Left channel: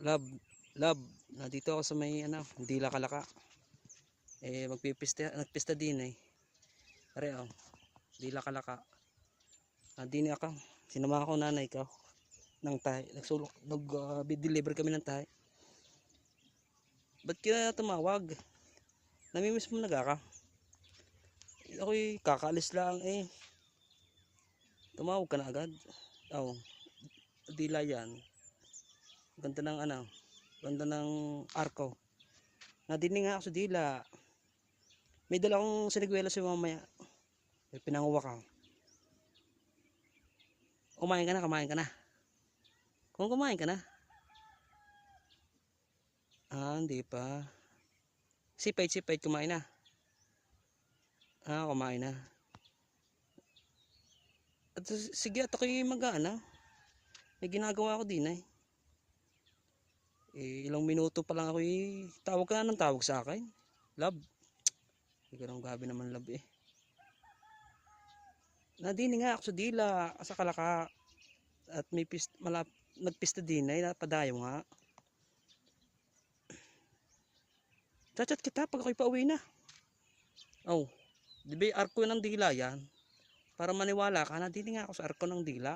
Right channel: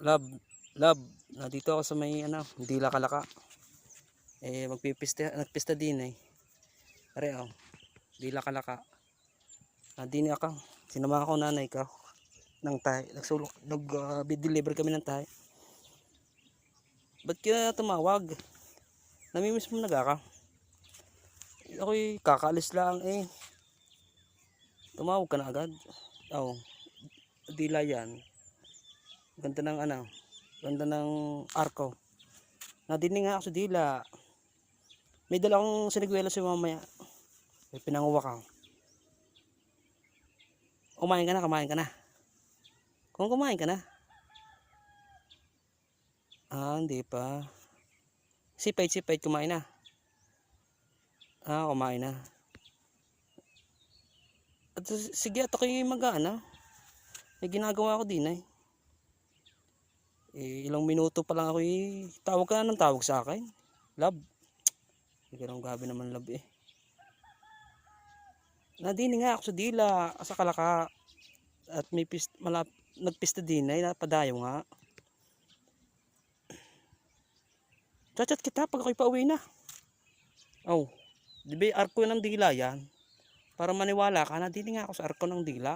Love, love, nandito ako sa may Dila Kalaka. Nagpista din Are Dila Kalaka. Din ako. Sinama ako nanay ko ng tayo. Nag-deliver kami ng tayo. Ba't kaya tumawag? Namimiss mo nagaka? Ako'y kakaalis lang Tumawag ka na agad. Dila yan. Ganda ng ganda ng arko. Nadinig nga ako sa dila. May dala akong siniguela si mamaya. May pinanguwa ka. Kumain ka na. Kung kumain ka na. Hindi pa. Sipait kumain na. Kumain na. At sige, at ako'y may ginagawa ako din ilang minuto pa lang ako tawag ka na ng tawag sa akin. Love. Hindi ka gabi naman love Nadini nga ako sa dila sa Kalaka at may nagpista din napadayo nga. Chat kita pag ako'y pauwi na. Di ba arko ng dila yan? Para maniwala ka, nadini nga ako sa arko ng dila.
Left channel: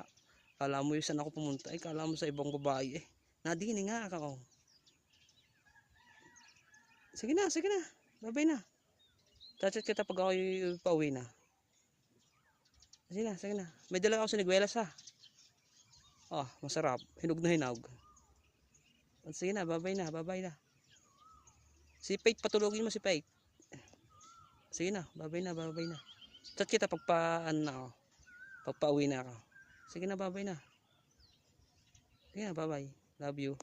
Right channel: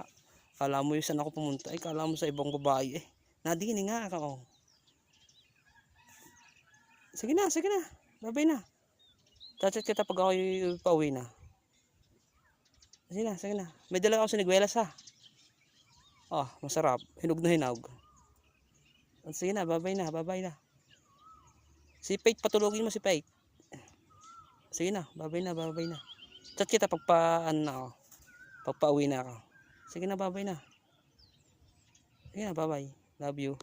Kala mo yung saan ako pumunta kala mo sa ibang babae Nadini nga ako. Sige na. Babay na. Chat kita pag ako'y pauwi na. Sige na. May dala ako siniguelas masarap. Hinog na hinog. Sige na, babay na. Si Pate, patulogin mo si Pate. Sige na, babay na. Chat kita pagpa-uwi na ako. Sige na, babay na. Sige na, babay. Love you.